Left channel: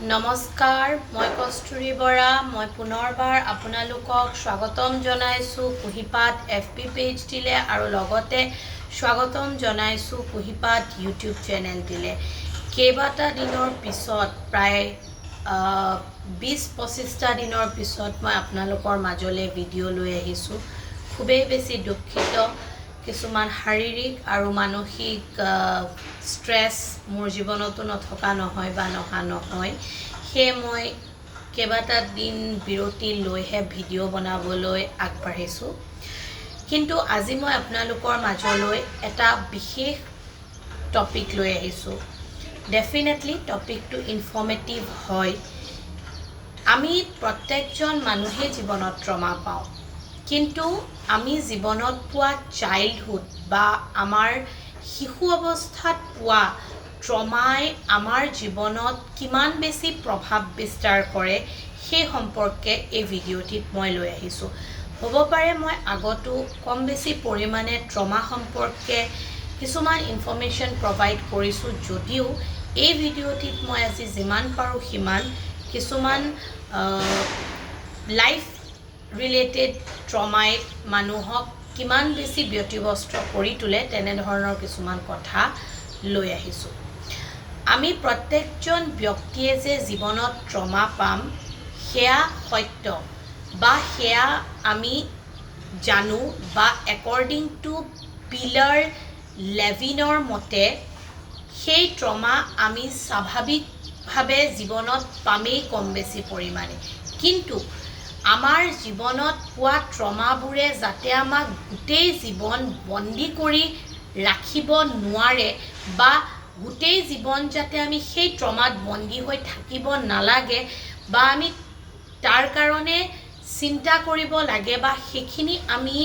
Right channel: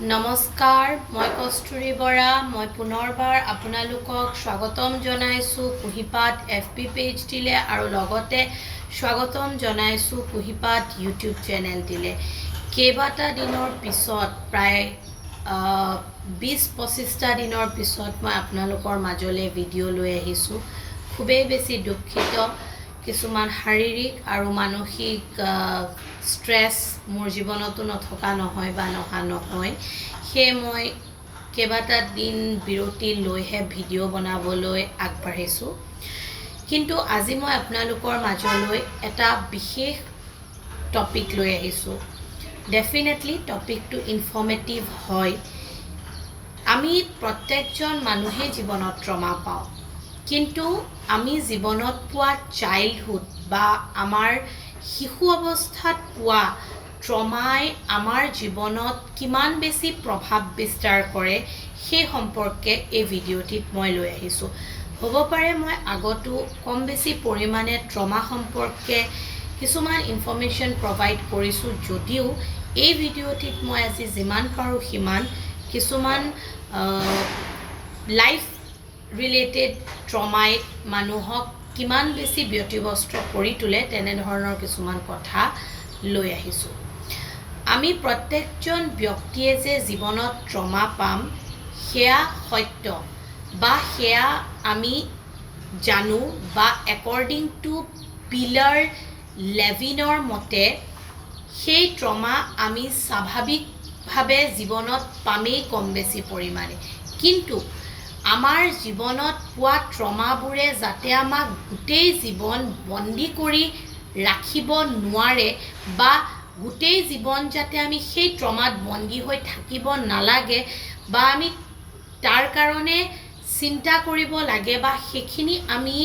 নমস্কাৰ, মই কস্তুৰী বৰা। মই পুনৰবাৰ আপোনালোকক স্বাগতম জনাইছোঁ কুহিপাত FB পেজটিলে আৰু লগতে স্বাগতম জনাইছোঁ কুহিপাত YouTube চেনেলটিলে। কেইবাটা দিনৰ পিছত প্ৰায় 20-25টা দিনৰ পিছত মই আপোনালোকৰ মাজলৈ ভিডিঅ' লৈ আহিছোঁ। খুবেই বেছি দুখিত। কিছুমান শাৰীৰিক আৰু মানসিক ষ্ট্ৰেছ মোৰ জীৱনতো নথকা নহয় বা নহা নহয়। সেয়ে মই কেইবাটা দিন বিৰতি লৈহে ভিডিঅ' বনাবলৈ আগবাঢ়িছোঁ। কিন্তু আজি মই আপোনালোকৰ মাজলৈ এটা বিশেষ টপিক লৈ আহিছোঁ। ডেফিনেটলি টপিকটো ইনফৰ্মেটিভ হয়। আমি প্ৰত্যেকজন মানুহে জীৱনত ট্ৰমা পাওঁ, কিন্তু আমি জীৱনত পোৱা চাইল্ডহুড বা আমাৰ শিশু অৱস্থাত পোৱা ট্ৰমাই আমাৰ জীৱনত কিমান বেছি প্ৰভাৱ বিস্তাৰ কৰে সেই সম্পৰ্কে এই ভিডিঅ'টিত মই লৈ আহিছোঁ। হ'ব পাৰে মই আগতো কম বেছি পৰিমাণে ট্ৰমা সম্পৰ্কে কিছুমান ইনফৰ্মেশ্যন প্ৰভাইড কৰিছোঁ, যদিও এই ভিডিঅ'টিত মই আজি যিমান পাৰোঁ সিমান কিছুমান লাইফ ৰিলেটেড ট্ৰমাই মানুহক কিমান বেছি ব্যতিব্যস্ত কৰি তোলে তেনেধৰণৰ কিছুমান কথা লৈ আহিছোঁ। আমি প্ৰত্যেকজন ব্যক্তিয়ে যে জীৱনত ট্ৰমা পাম সেয়া সত্য বা সেয়া আমি জানো, বা একৰ্ডিং টু পিলাৰ লেভিনৰ মতে সেই ট্ৰমা আমি স্বাভাৱিকভাৱে জীৱনত পামেই কম বেছি পৰিমাণে। কিন্তু আমাৰ জীৱনত পোৱা ট্ৰমাবোৰে যাতে আমাক গোটেই জীৱন বন্দী কৰি ৰাখিব নোৱাৰে বা গোটেই জীৱন যাতে আমি সেই ট্ৰমাত বন্দী হৈ থাকিব নালাগে বা আমি তাৰ কাৰণে চিন্তা কৰিব লাগে বা সেইখিনি আমি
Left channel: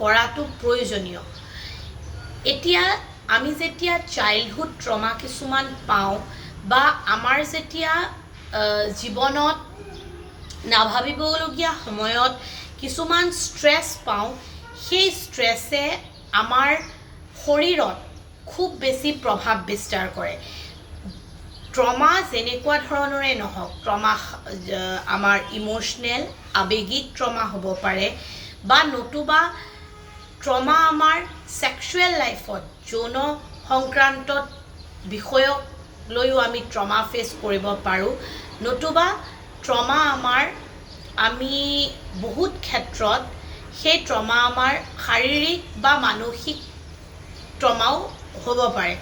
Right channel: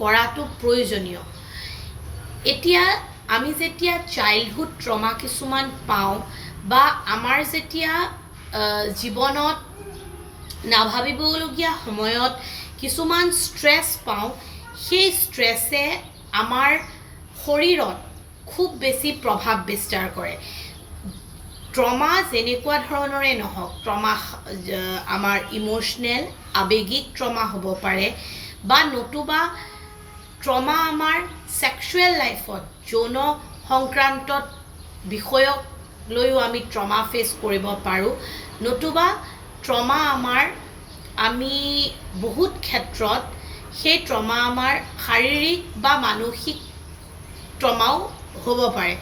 কৰাটো প্ৰয়োজনীয়। এতিয়া আমি যেতিয়া চাইল্ডহুড ট্ৰমা কিছুমান পাওঁ বা আমাৰ যেতিয়া জীৱনত নাভাবিবলগীয়া সময়ত কিছুমান ষ্ট্ৰেছ পাওঁ, সেই ষ্ট্ৰেছে আমাৰ শৰীৰত খুব বেছি প্ৰভাৱ বিস্তাৰ কৰে। ট্ৰমা যেনেকুৱা ধৰণৰে নহওক, ট্ৰমা আমাৰ ইম'চনেল আৱেগিক ট্ৰমা হ'ব পাৰে বা নতুবা ট্ৰমা আমাৰ ছেক্সুৱেল লাইফত যৌন সংক্ৰান্তত বিষয়ক লৈও আমি ট্ৰমা ফেচ কৰিব পাৰোঁ, নতুবা ট্ৰমা আমি বহুত ক্ষেত্ৰত সেই ট্ৰমা আমাৰ শাৰীৰিক বা মানসিক ট্ৰমাও হ'ব পাৰে।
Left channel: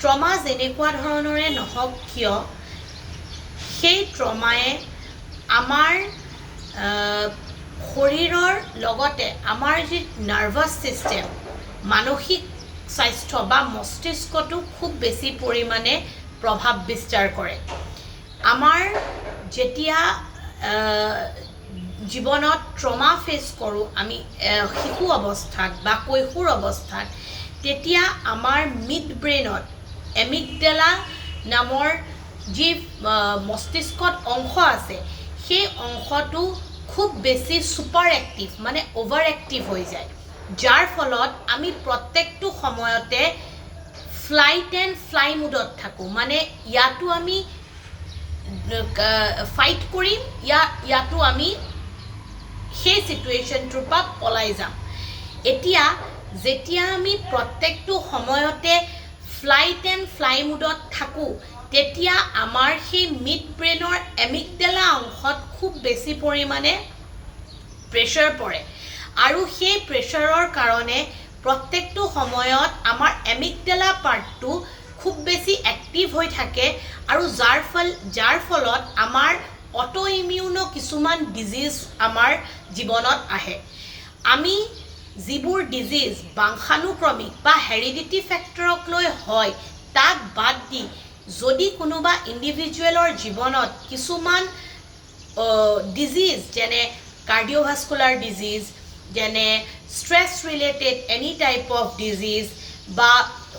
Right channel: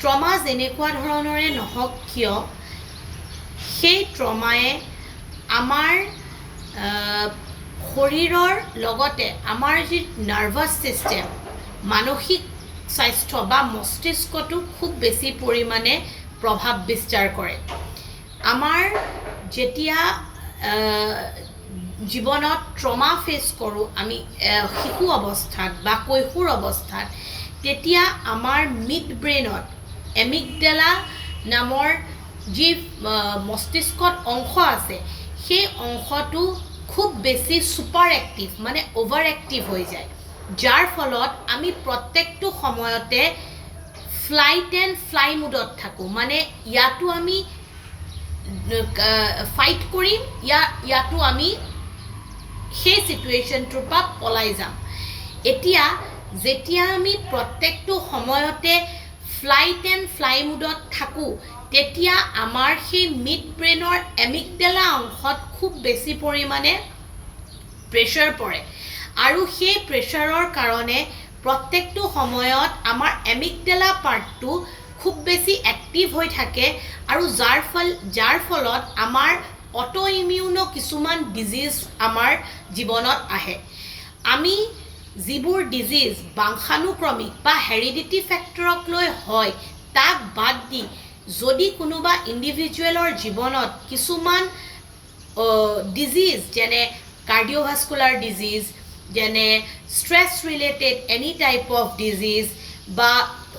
ট্ৰমা যেনেকুৱা ধৰণৰে নহওক কিয়, সেই ট্ৰমায়ে আমাৰ শৰীৰৰ লগতে আমাৰ যি নাৰ্ভাছ ছিষ্টেম, মানসিক স্বাস্থ্য বা মস্তিষ্কটো খুব বেছি পৰিমাণে প্ৰভাৱ বিস্তাৰ কৰে। আমাৰ যেতিয়া জীৱনত ট্ৰমা ফেচ কৰোঁ আমি শিশু অৱস্থাত বা কৈশোৰ অৱস্থাত, তেতিয়া আমাৰ মিড ব্ৰেইনত এমিগডেলা নামৰ যি মস্তিষ্কত অংশ আছে, সেই অংশটো খুব বেছি ছুপাৰ এক্টিভ মানে অভাৰ এক্টিভ হৈ যায়, যাৰ ফলত আমি প্ৰত্যেকটো সময়তে ফ্লাইট এণ্ড ফ্লাই মুডত থাকোঁ। মানে ইয়াতো আমি ফাইট কৰিম, ইয়াতো আমি সেই চিটুৱেশ্যনটোৰ পৰা পলাই যাম। এতিয়া যেতিয়া আমি প্ৰত্যেকটো সময়তে ফ্লাইট এণ্ড ফ্লাই মুডত থাকোঁ, তেতিয়া আমাৰ সেই মিড ব্ৰেইনৰ এমিগডেলা অংশত খুব বেছি পৰিমাণে প্ৰেছাৰ পৰে আৰু সেই প্ৰেছাৰৰ কাৰণে প্ৰত্যেকটো সময়ত আমাৰ এমিগডেলা পাৰ্টটো খুব বেছি এক্টিভ হৈ থাকে আৰু যাৰ ফলত আমাৰ অটো ইমিউনো কিছুমান ডিজিজ আমাৰ জীৱনত আহে। আমি যিবোৰ ডিজিজ বংশানুক্ৰমিক বা হেৰিডিটি ফেক্টৰক লৈ হয়, তাক বাদ দি যদি কোনোবা ইণ্ডিভিজুৱেলৰ জীৱনত কিছুমান ডিজিজ যেনে কাৰ্ডিঅ'ভাস্কুলাৰ ডিজিজ, যেনে stress related any type of disease বা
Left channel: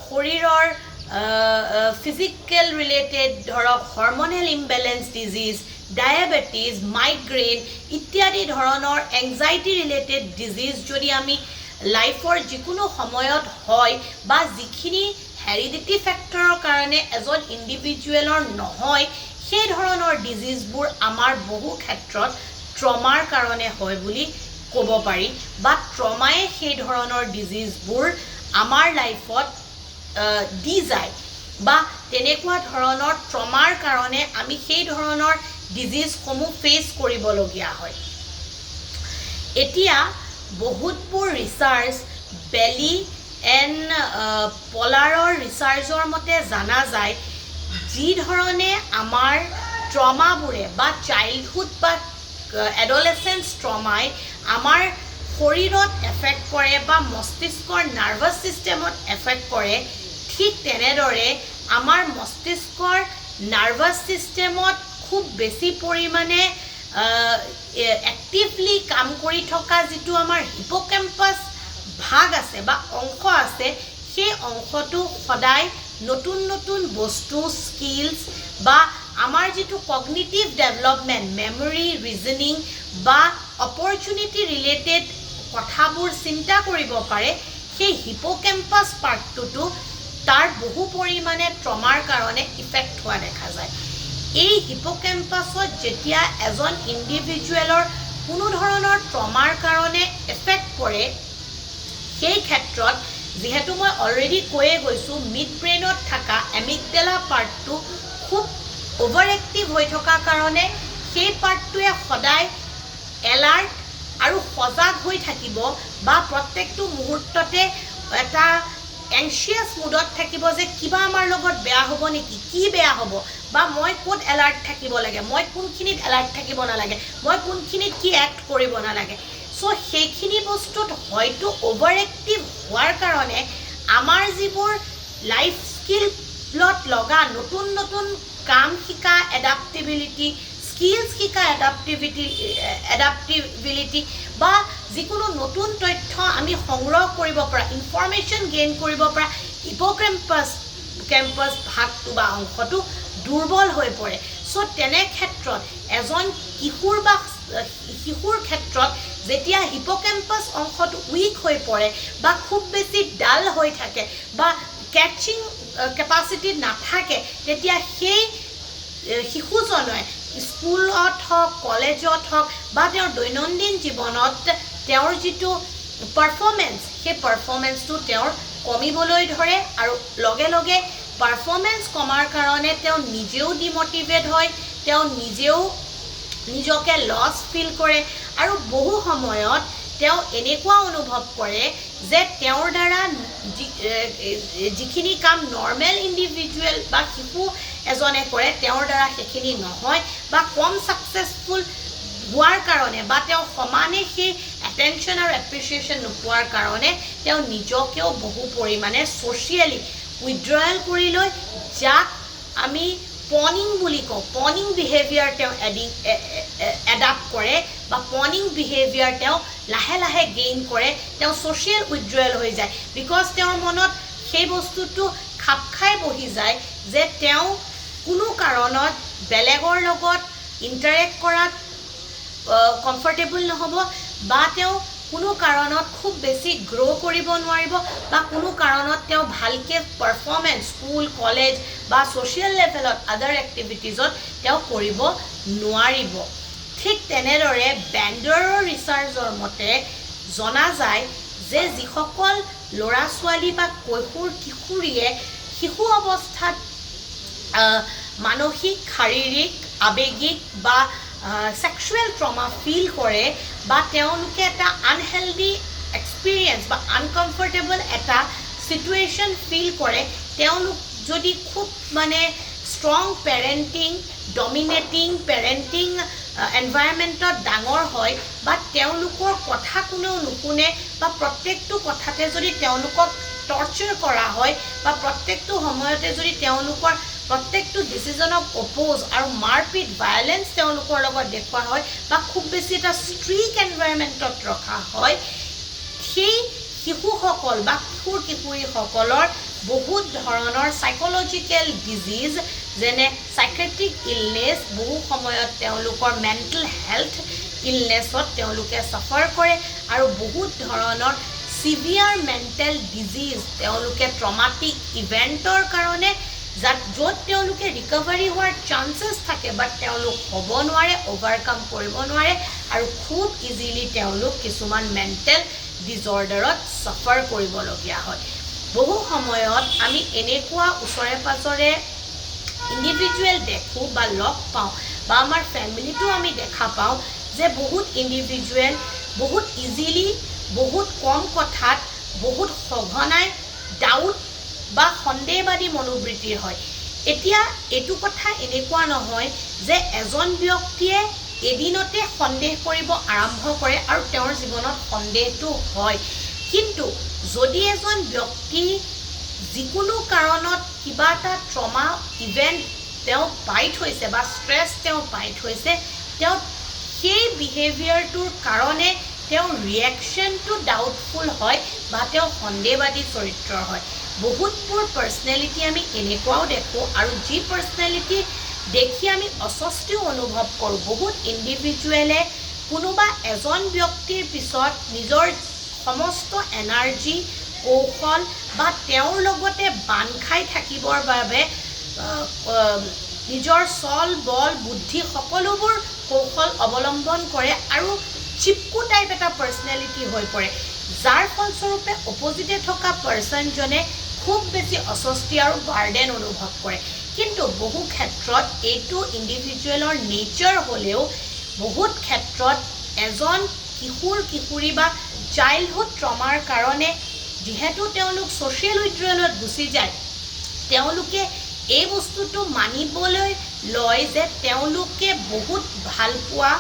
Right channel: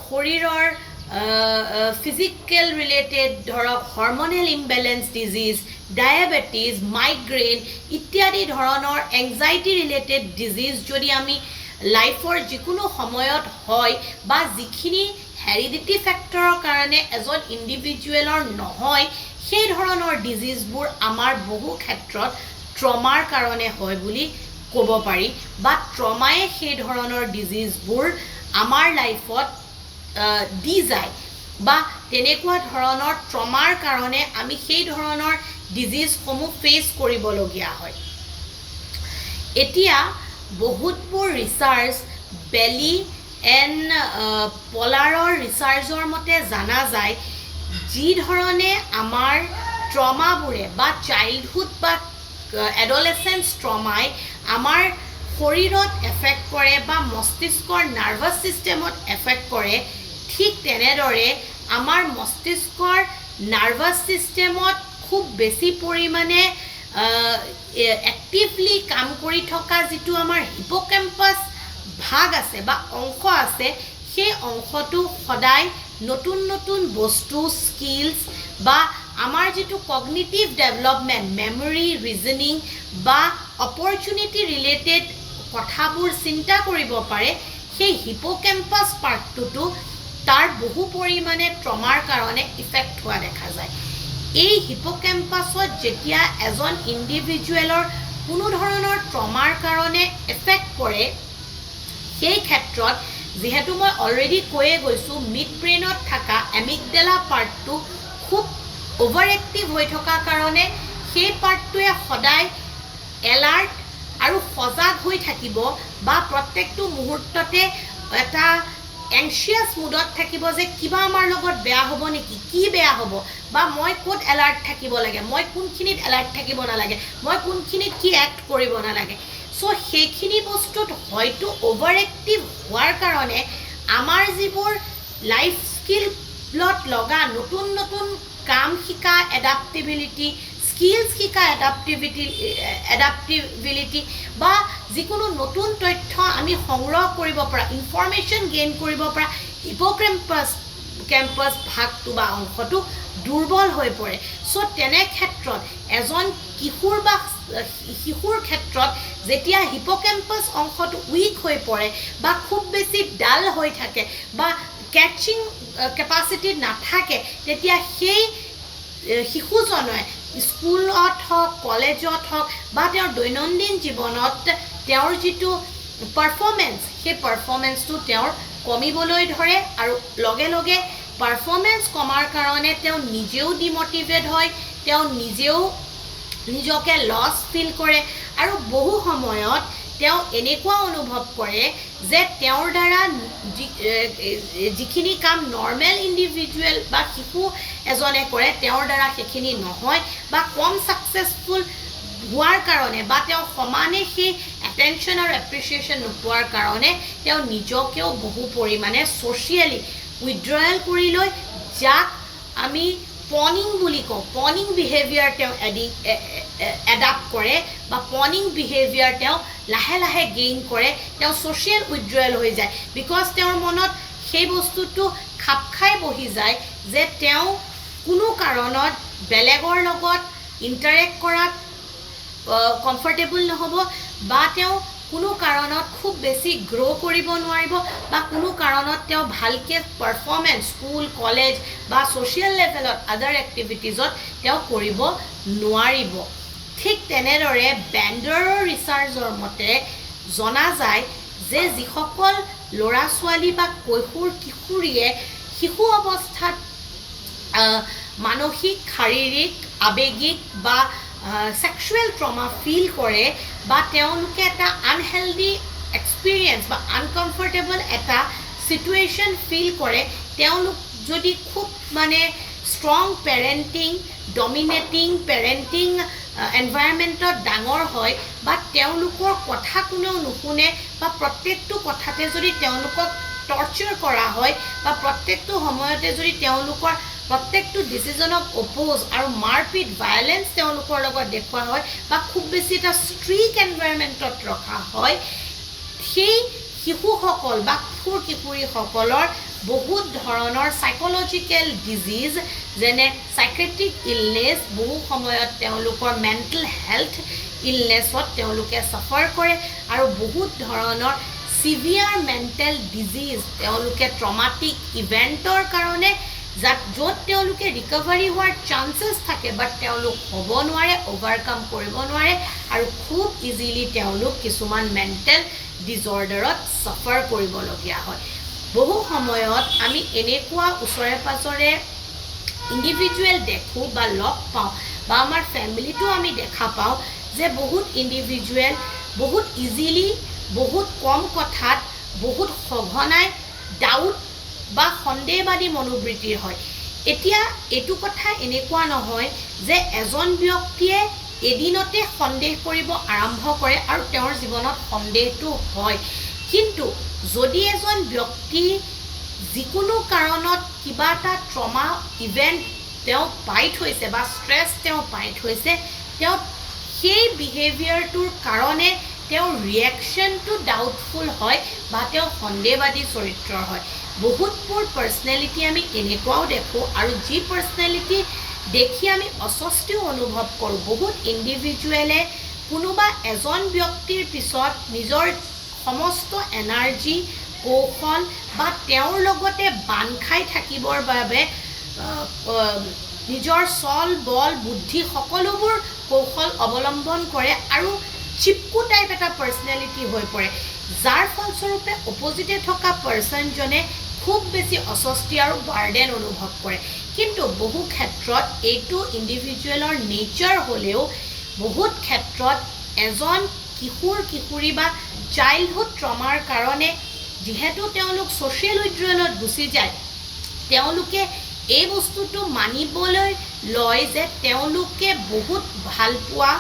শৰীৰৰ ফিজিকেল ৰিলেটেড ধৰক hormonal imbalance disease, diabetes, migraine ইত্যাদি ধৰণৰ এংজাইটি ৰিলেটেড ডিজিজ যদি আমি লাইফৰ যিকোনো সময়ত হয় বা যিখিনি হেৰিডিটি ফেক্টৰৰ কাৰণে এজন ইণ্ডিভিজুৱেলৰ নহয়, সেই ধৰণৰ ডিজিজবোৰ আমাৰ বহু ক্ষেত্ৰত ট্ৰমাৰ কাৰণে হয় বুলি ক'ব পাৰি বা ট্ৰমায়ে সেই ধৰণৰ ডিজিজবোৰ আমাৰ লাইফত দি যায় বা তেনেকুৱা ধৰণৰ ট্ৰমাৰ কাৰণে আমি সেই ধৰণৰ ডিজিজসমূহ ফেচ কৰিবলগীয়া হয় এতিয়া বহুতবোৰ ৰিচাৰ্চ বেলি এণ্ড পলাৰৰ ৰিচাৰ্চৰ মতে জানা যায় যি ধৰণে আমাৰ ট্ৰমাবোৰে বা চাইল্ডহুড বা এডলেসেন্স ট্ৰমাই আমাৰ শৰীৰত এফেক্ট কৰে বা মস্তিষ্কৰ নাৰ্ভাছ ছিষ্টেমত এফেক্ট কৰে ঠিক তেনেদৰে আমাৰ মস্তিষ্কৰ নাৰ্ভাছ ছিষ্টেমত খুব বেছি পৰিমাণে এক্টিভলি কাম কৰি থকা যিটো আমাৰ হিপোকেম্পাছ ভাগ আছে বা অংশ আছে সেই অংশটো সদায় নতুন নতুন বস্তু স্কিলছ বা আমাৰ যিটো কগনিটিভ ডেভেলপমেণ্ট মেমৰি ৰিজনিং বা অপৰচুনিটি ৰিলেটেড কথাবোৰ চিন্তা কৰিব পাৰে সেই হিপোকেম্পাছ পাৰ্টটো তাৰ বহু পৰিমাণে ট্ৰমাৰ কাৰণে ইফেক্ট হোৱা দেখা যায় এই হিপোকেম্পাছত যেতিয়া এজন ইণ্ডিভিজুৱেলৰ কোনো ধৰণৰ ট্ৰমাৰ কাৰণে এফেক্ট পৰে সেই ক্ষেত্ৰত যেহেতু মই অলৰেডি কৈয়ে গৈছোঁ মিড ব্ৰেইনত থকা এমিগডেলা পাৰ্টটো খুব অভাৰ এক্টিভ হৈ থকা কাৰণে সেই পাৰ্টটোৱে সদায় এলাৰ্ট আৰু সজাগ হৈ থাকিব বা প্ৰত্যেকটো মুহূৰ্ততে এটা এংশিয়াছ মুডত থাকিব যে কিবা আমাৰ লগত বেয়া হ'ব নেকি কি বেয়া হ'ব বা মই ক'ত এলাৰ্ট থাকিব লাগে মই কোনখিনিত এলাৰ্ট থাকিব নালাগে মই কোনখিনিত কি এক্ট কৰিব নালাগে সো সেইখিনি বস্তুত হয়তো অভাৰ এক্টিভ হোৱাৰ কাৰণে আমাৰ যিবোৰ লাইফ স্কিলত লগা নতুন নতুন কাম শিকা এডাপ্টেবিলিটি স্কিলছ শিকা এডাপ্টেবিলিটি বা যিকোনো নতুন তথ্য আমি সংগ্ৰহ কৰিব পৰা ইনফৰমেশ্যন গেইন কৰিব পৰা হিপোকেম্পাছ ভাগটো বা অংশটো দুৰ্বল হৈ পৰে সো তেনে ক্ষেত্ৰত এজন কিশোৰ বা শিশুৰ ক্ষেত্ৰত যেতিয়া হিপোকেম্পাছ অংশটো উইক হৈ পৰে বা খুব বেছি ডাল হৈ থাকে বা কেচিং কেপাচিটি নাথাকে তেতিয়া সেই শিশুজনে স্কুলত হওক কলেজত হওক বা তেওঁৰ দৈনন্দিন জীৱনত তেওঁৰ যিটো পাৰফৰ্মেন্স সেই পাৰফৰ্মেন্সটো তেওঁৰ কমিবলৈ ধৰে আৰু লগে লগে পাৰফৰ্মেন্স কমাৰ কাৰণে তেওঁ নিজেও ডিমোটিভেট হয় তেওঁ নিজেও নিজকে লছ ফিল কৰে আৰু বহু সময়ত তেওঁ এনেকুৱা অনুভৱ কৰে যে তেওঁৰ দ্বাৰা যিখিনি কাম নৰ্মেল ইণ্ডিভিজুৱেল বা শিশু এজনে কৰে তেওঁৰ দ্বাৰা সেইখিনি নহয় বা কম ছাকচেছফুল হোৱাৰ কাৰণে বা তেওঁ সমানে সেই এটেনশ্যন আৰু এপ্ৰিচিয়েশ্যন নোপোৱাৰ কাৰণে তেওঁ নিজকেও বহু পৰিমাণে ছ'চিয়েলি উইথড্ৰয়েল কৰি লৈ যাক আমি পনিং বুলি কওঁ পনিং বিহেভিয়াৰ তেওঁ এডাপ্ট কৰে বা পনিং বিহেভিয়াৰ তেওঁ লাহে লাহে গেইন কৰে তেওঁ ছ'চিয়েল উইথড্ৰয়েল হৈ যায় বিকজ তেওঁৰ মনত সেই বস্তুটো খাপ খাই বহি যায় যে তেওঁ কোনো কাৰণত বেলেগৰ লগত ইণ্টাৰেক্ট কৰাত কমফৰ্টেবল নহ'ব বা তেওঁ কোনো কাৰণত খুব বেছি গ্ৰ' কৰিব নোৱাৰিব বা কোনো কাৰণত তেওঁ ভালকৈ পাৰফৰ্মেন্স স্কুল কলেজ বা ছ'চিয়েল লেভেলত আদাৰ এক্টিভিটিজত তেওঁ কৰিব নোৱাৰিব ঠিক তেনেদৰে বেণ্ডাৰৰ ৰিচাৰ্চৰ মতে জনা যায় যে যিসকল ল'ৰা ছোৱালী বা কৈশোৰ কিশোৰীয়ে শিশু অৱস্থাত মানসিক শাৰীৰিক আৱেগিক বা সেক্সুৱেল ট্ৰমা ফিল কৰে বা তেওঁলোকে এটা আনহেল্ডি এক্সপিৰিয়েঞ্চ বা আনকমফৰ্টেবল এটা চিটুৱেশ্যন ফিল কৰে তেওঁলোক যদি খুব মানে ষ্ট্ৰং পেৰেণ্টিং ডমিনেটিং পেৰেণ্টিং এনভাইৰনমেণ্টত ডাঙৰ হয় বা তেওঁলোকৰ কথা কোনেও নুশুনে বা প্ৰত্যেকটো কথাতে যদি তেওঁলোকক টৰ্চাৰ কৰা হয় বা প্ৰত্যেকটো সময়তে যদি তেওঁলোকৰ প্ৰত্যেকটো ডিচিজনক অপ'জ আৰু মাৰপিট ভায়লেন্স তেওঁলোকৰ লগত দেখুওৱা হয় বা খুব বেছি এটা ষ্ট্ৰিক এনভাইৰনমেণ্টত ৰখা হয় সেই শিশুসকল বা কিশোৰ কিশোৰীসকলৰ বহুত ধৰণৰ সাইকোলজিকেল ডিজিজ যেনে সাইকেট্ৰিক ইলনেছ বহু সময়ত তেওঁলোকৰ মেণ্টেল হেল্থ ইলনেছত তেওঁলোকে সাফাৰ কৰে আৰু বহুত ধৰণৰ সিভিয়াৰ মেণ্টেল ডিজিজ তেওঁলোকে ট্ৰমাটিক ইভেণ্টৰ কাৰণে য'ত তেওঁলোকে ৰিকভাৰী হোৱাৰ চান্সেছ থাকে বাট তেওঁলোক হ'ব নোৱাৰে, অভাৰকাম কৰিব নোৱাৰে আৰু খুব ইজিলি তেওঁলোক কিছুমান মেণ্টেল ডিজৰ্ডাৰত ছাফাৰ কৰিবলগীয়া হয়। বহু সময়ত আমি এনেকুৱা ওচৰে পাজৰে ইণ্ডিভিজুৱেল দেখোঁ বা লগ পাওঁ বা আমাৰ ফেমিলিটো আমি দেখা পাওঁ যে বহুত ইণ্ডিভিজুৱেল বহুত ইজিলি বহুত কম কথাত বহুত সঘনাই ডাউট বা সন্দেহবাদী মনোবৃত্তিৰ হয়। এতিয়া এইটো কথা এনেকুৱা নহয় যে এজন ব্যক্তিয়ে এদিনতে সন্দেহ কৰিব আৰম্ভ কৰে আৰু তেওঁৰ জীৱনত সন্দেহটো হয়, কিন্তু যদি এজন ব্যক্তি যিকোনো কাৰণত কিবা এটা ট্ৰমা ইভেণ্ট তেওঁ পাই থৈছে বা ষ্ট্ৰেছ তেওঁ পাই থৈছে, তেওঁ সেই বিহেভিয়াৰটোৰ কাৰণে তেওঁৰ ৰিয়েকশ্যনটো ডাউটফুল হয় বা তেওঁ সন্দেহবাদী চৰিত্ৰৰ হয়। বহুতবোৰ পাৰ্চনেলিটি আমি এনেকুৱাও দেখোঁ আৰু যি পাৰ্চনেলিটি দেখি আমি অস্বস্তিও অনুভৱ কৰোঁ। বহুত ইণ্ডিভিজুৱেলে কোনোবা এজন ব্যক্তিৰ পিছত নিজৰ সমস্ত এনাৰ্জি কৌশল বা তেওঁৰ লগতে বান্ধ খাই থাকিবৰ বাবে নিজৰ চল বল বুদ্ধি সকলোবোৰ কৌশল অৱলম্বন কৰে আৰু চিপকু টাইপ এটা পাৰ্চনেলিটি হৈ পৰে, যাৰ ফলস্বৰূপে অপজিটে থকা পাৰ্চনজনে খুব বেছি অস্বস্তি আৰু বাৰ্ডেন অনুভৱ কৰে। কিন্তু বহু ক্ষেত্ৰত এইটো ইণ্ডিভিজুৱেলৰ নেচাৰ হ'লেও বহুত ক্ষেত্ৰত এজন কিশোৰ কিশোৰী বা চাইল্ডহুড ট্ৰমাৰ কাৰণে যিহেতু তেওঁলোক ছ'চিয়েল উইথড্ৰলত গুচি যায়, তেওঁলোকে এই বস্তুটো মানিবলৈ লয় যে তেওঁলোকে বহুত ভাল পোৱা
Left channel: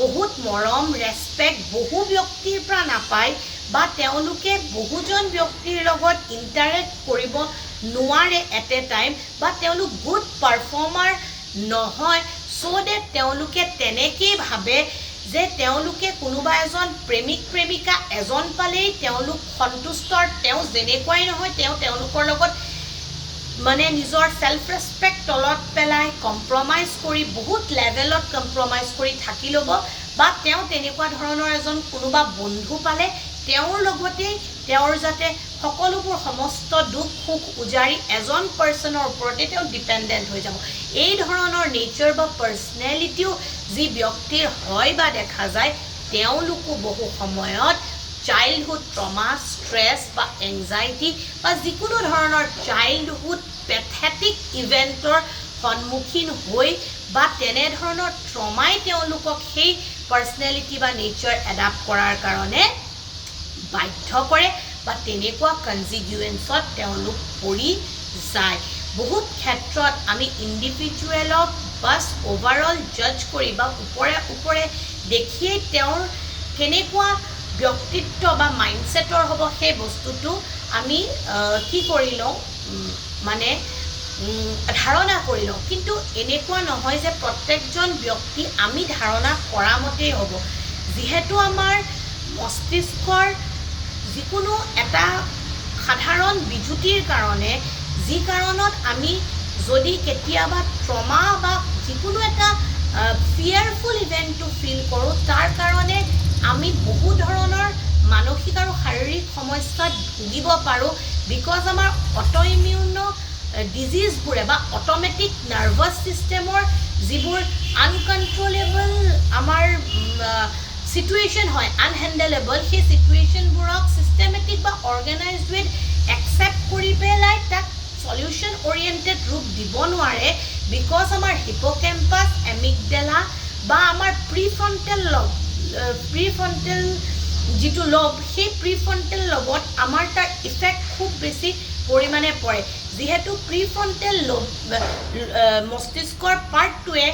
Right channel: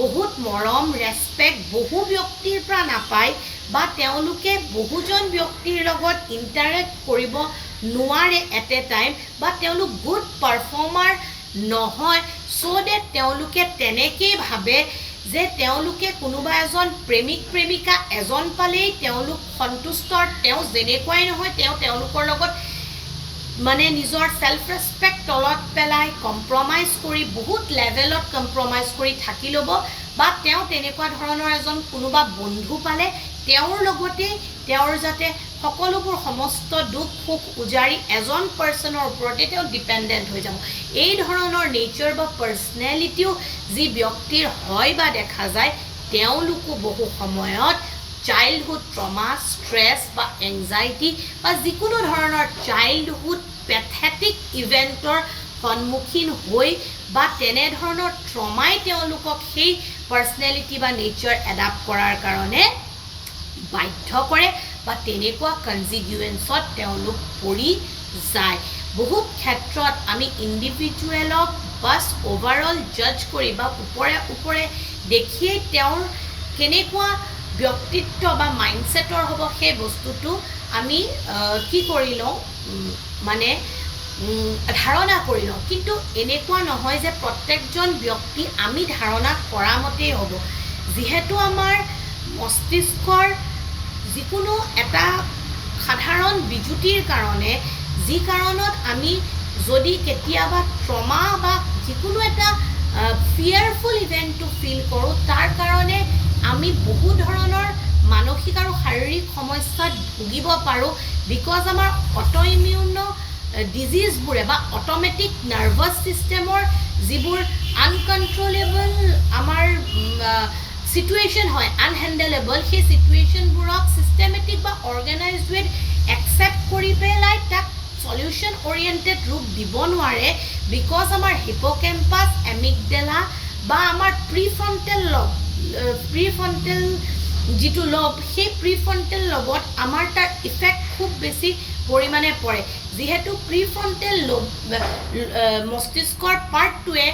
বহুত মৰম ৰেচপেক্ট বহু ব্যক্তিৰ পৰা নাপায় বা তেওঁলোকে বহুজন ব্যক্তিৰ লগত ইণ্টাৰেক্ট কৰিব নোৱাৰে এট এ টাইম বা তেওঁলোক গুড পাৰফৰ্মাৰ নহয়, চ' ডেট তেওঁলোকে তেনেকেই ভাবে যে তেওঁলোকে কোনোবা এজন প্ৰেমিক প্ৰেমিকা এজন পালেই তেওঁলোক সন্তুষ্ট, তেওঁ যেনেকুৱাই নহয় তেওঁলোকৰ লগত মানে নিজৰ ছেল্ফ ৰেচপেক্ট তলত পেলাই কম্প্ৰমাইজ কৰি বহুত লেভেলত কম্প্ৰমাইজ কৰি থাকি ল'ব বা তেওঁ তেনেকুৱা ধৰণৰ এজন কোনোবা বন্ধু পালে তেওঁৰ লগতেই তেওঁৰ যাতে সকলোবোৰ সমস্ত দুখ সুখ উজাৰি এজন পাৰ্চনৰ ওপৰতে তেওঁ ডিপেণ্ডেণ্ট হৈ যাব। এই ধৰণৰ নেচাৰ বা পাৰ্চনেলিটিও যি ব্যক্তিৰ হয় বা দেখা যায়, তেওঁলোকো বহু সময়ত চাইল্ডহুড ট্ৰমা ষ্ট্ৰেছ বা এংজাইটি বা যিকোনো ধৰণৰ চাইল্ডহুড পেথেটিক ইভেণ্টৰ সন্মুখীন হৈ বা তেনেধৰণৰ ট্ৰমাই তেওঁলোকক সেই পাৰ্চনেলিটি বা নেচাৰ এডাপ্ট কৰাৰ কাৰণে বাধ্য কৰে বা তেনেকুৱা কনজিগুৱেঞ্চত তেওঁলোক পৰি যায়। বহুত ক্ষেত্ৰত আমি ইণ্ডিভিজুৱেলক বাছ অভাৰঅল জাজ কৰি বা ওপৰে দেখিয়েই তেওঁৰ কেনেকুৱা ব্যক্তিত্ব বা মাইণ্ডছেটৰ হ'ব সেই বস্তুটো আমি কি কৰি লওঁ মানে ধাৰণা কৰি লওঁ, কিন্তু এনেকুৱা নহয় যে প্ৰত্যেকজন ব্যক্তি আমি ধাৰণা কৰা মতেই হ'ব। যিহেতু আমাৰ মস্তিষ্কৰ যিকোনো এটা সাধাৰণ বিজুতিৰ কাৰণে যি কাৰণত আমি যদি কেতিয়াবা ট্ৰমা বা যিকোনো এটা ফিয়াৰফুল ইভেণ্টটো ফিল কৰোঁ, তাৰ কাৰণে আমি বহু ধৰণৰ মানসিক আৰু শাৰীৰিক সমস্যাত ভুগিব পাৰোঁ। বিকজ আমাৰ অট'ইমিউন ডিজিজবোৰে বা অট'মেটিক নাৰ্ভাছ ছিষ্টেমৰ যিবোৰ আনকণ্ট্ৰলেবল আমাৰ চিটুৱেশ্যন হয় আনহেণ্ডেলেবল, সেই চিটুৱেশ্যনবোৰক ছিষ্টেমেটিক বা অৰ্গেনাইজড ৱেত একচেপ্ট কৰি পেলাই তাক সলিউশ্যন অৰিয়েণ্টেড ৰূপ দিব নোৱাৰে। বিকজ আমাৰ হিপ'কেম্পাছ এমিগডেলা বা আমাৰ প্ৰিফ্ৰণ্টেল যিটো লব, সেই প্ৰিফ্ৰণ্টেল লবত আমাৰ তাৰ ইফেক্ট খুব বেছি পৰিমাণে পৰে। যিহেতু প্ৰিফ্ৰণ্টেল লব মস্তিষ্কৰ পাৰ্টটোৱে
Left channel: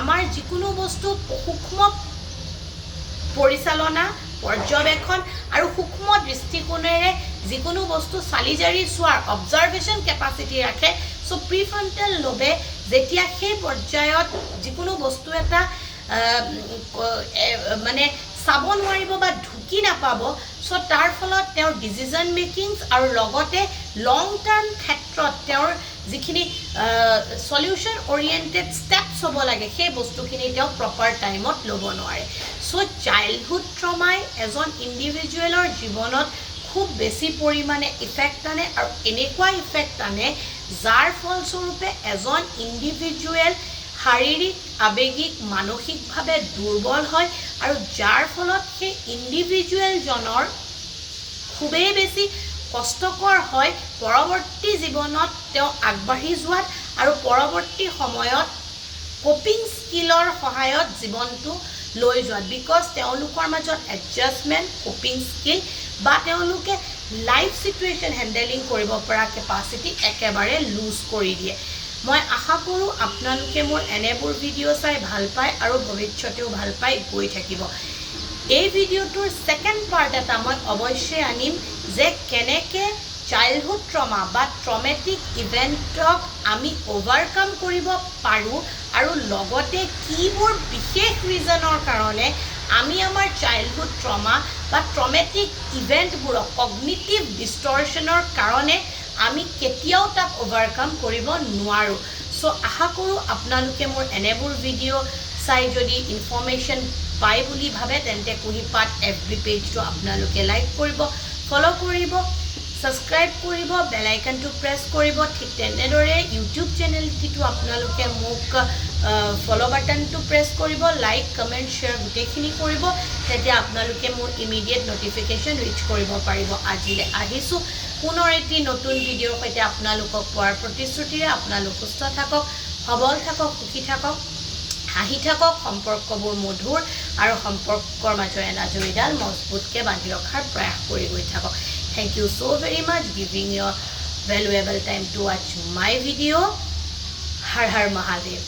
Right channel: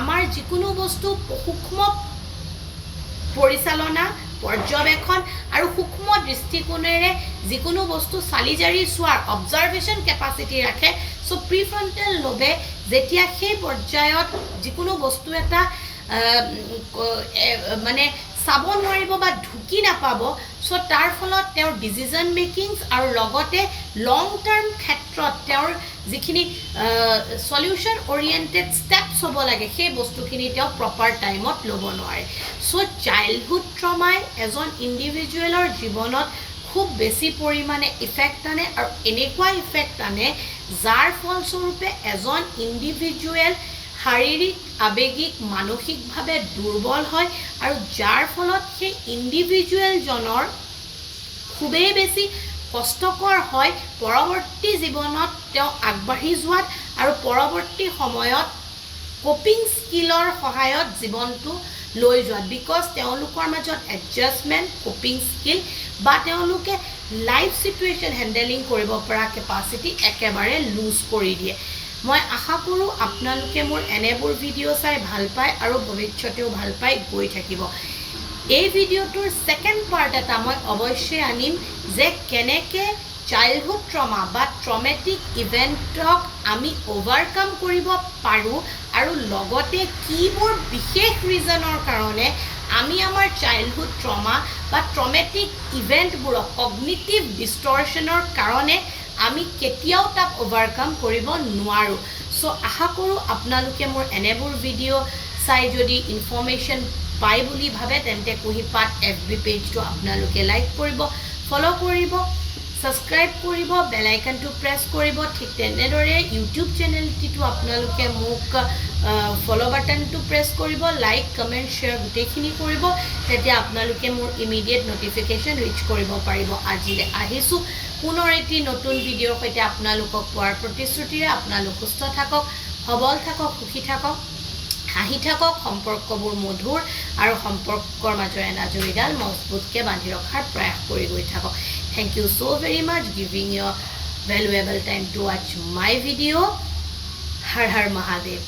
আমাৰ যিকোনো বস্তু সূক্ষ্ম পৰিচালনা পৰ্যবেক্ষণ আৰু সূক্ষ্ম দৃষ্টিকোণেৰে যিকোনো বস্তু চালি জাৰি চোৱাৰ অবজাৰভেশ্যন কেপাচিটি ৰাখে। চ' প্ৰিফ্ৰণ্টেল লবে যেতিয়া সেই পৰ্যায়ত যিকোনো বস্তু এটা মানে চাব নোৱাৰিব বা ঢুকি নাপাব, চ' তাৰ ফলত তেওঁৰ ডিচিজন মেকিংছ আৰু লগতে লং টাৰ্ম ক্ষেত্ৰত তেওঁৰ যিখিনি সলিউশ্যন অৰিয়েণ্টেড ষ্টেপছ হ'ব লাগে সেই বস্তুখিনি তেওঁ প্ৰপাৰ টাইমত ল'ব নোৱাৰে। চ' চাইল্ডহুড ট্ৰমাই এজন ইণ্ডিভিজুৱেলৰ জীৱনত খুব বেছি পৰিমাণে ইফেক্ট আনে আৰু এনেকুৱা ইফেক্ট আনে যাৰ ফলস্বৰূপে এজন ইণ্ডিভিজুৱেল শাৰীৰিক আৱেগিক মানসিকভাৱে দুৰ্বল হয় আৰু যাৰ ফলত সেই ইণ্ডিভিজুৱেলজনৰ খুবেই বেছি কষ্টকৰ হয় পৰৱৰ্তী জীৱনত তেওঁ আগবাঢ়ি যোৱাত আৰু পৰৱৰ্তী সময়ত কোপিং স্কিলৰ সহায়ত জীৱনটো লৈ যোৱাত বিকজ তেওঁলোকৰ মাজত এডজাষ্টমেণ্ট কোপিং স্কিল বা তেওঁলোকে লাইফ চিটুৱেশ্যন হেণ্ডেলিং কৰিব পৰা কেপাচিটি একেবাৰে লুজ কৰি দিয়ে মই আশা কৰোঁ আপোনালোকে মোৰ এনেবোৰ ভিডিঅ' চাই ভাল পায় আৰু ভৱিষ্যতেও ভাল পাই গৈ থাকিব এই ভিডিঅ'টোৰ ছেকেণ্ড পাৰ্ট এটা মই অৱশ্যে আনিম যে কেনেকৈ চাইল্ডহুড ট্ৰমা বা ট্ৰমেটিক ইভেণ্টক আমি অভাৰকাম কৰিব পাৰোঁ আৰু লগতে কিবোৰ বিশেষ ৰিজনৰ কাৰণে আমি আমাৰ চাইল্ডহুড ট্ৰমা বা ট্ৰমেটিক ইভেণ্টবোৰক কগনিটিভ ডিষ্টৰশ্যনৰ কাৰণে আমি কেতিয়াও তাক অভাৰকাম কৰিব নোৱাৰোঁ চ' আশা কৰোঁ আপোনালোকে মোৰ এনেবোৰ ভিডিঅ' চাই যদি ইনফৰ্মেশ্যন পায় বুলি ভাবে তেন্তে কুঁহিপাত FB পেজটো আপোনালোকে লাইক কৰিব ফ'ল' কৰিব সাবস্ক্ৰাইব কৰিব বেল আইকনটো প্ৰেছ কৰিব ঠিক তেনেদৰে ইউটিউব চেনেলটিটো আপোনালোকে মোক ফ'ল' বাটনটো প্ৰেছ কৰিব লাইক কমেণ্ট শ্বেয়াৰ গোটেইখিনি কৰিব তেতিয়া আপোনালোকে মোৰ ইমিডিয়েট নটিফিকেশ্যন ৰিচ কৰিব পাৰিব আজিলৈ আহিছোঁ পুনৰ এটি নতুন ভিডিঅ'ৰ সৈতে আপোনালোকক পোৱাৰ প্ৰতিশ্ৰুতিৰে আপোনালোক সুস্থ থাকক সবল থাকক সুখী থাকক হাঁহি থাকক সম্পৰ্কবোৰ মধুৰ আৰু সম্পৰ্কৰ মাজৰ এনাজৰীডাল মজবুতকৈ বান্ধি ৰখাৰ প্ৰয়াস কৰি গৈ থাকক Thank you so very much giving your valuable time to watch my video. Har Har Mahadev.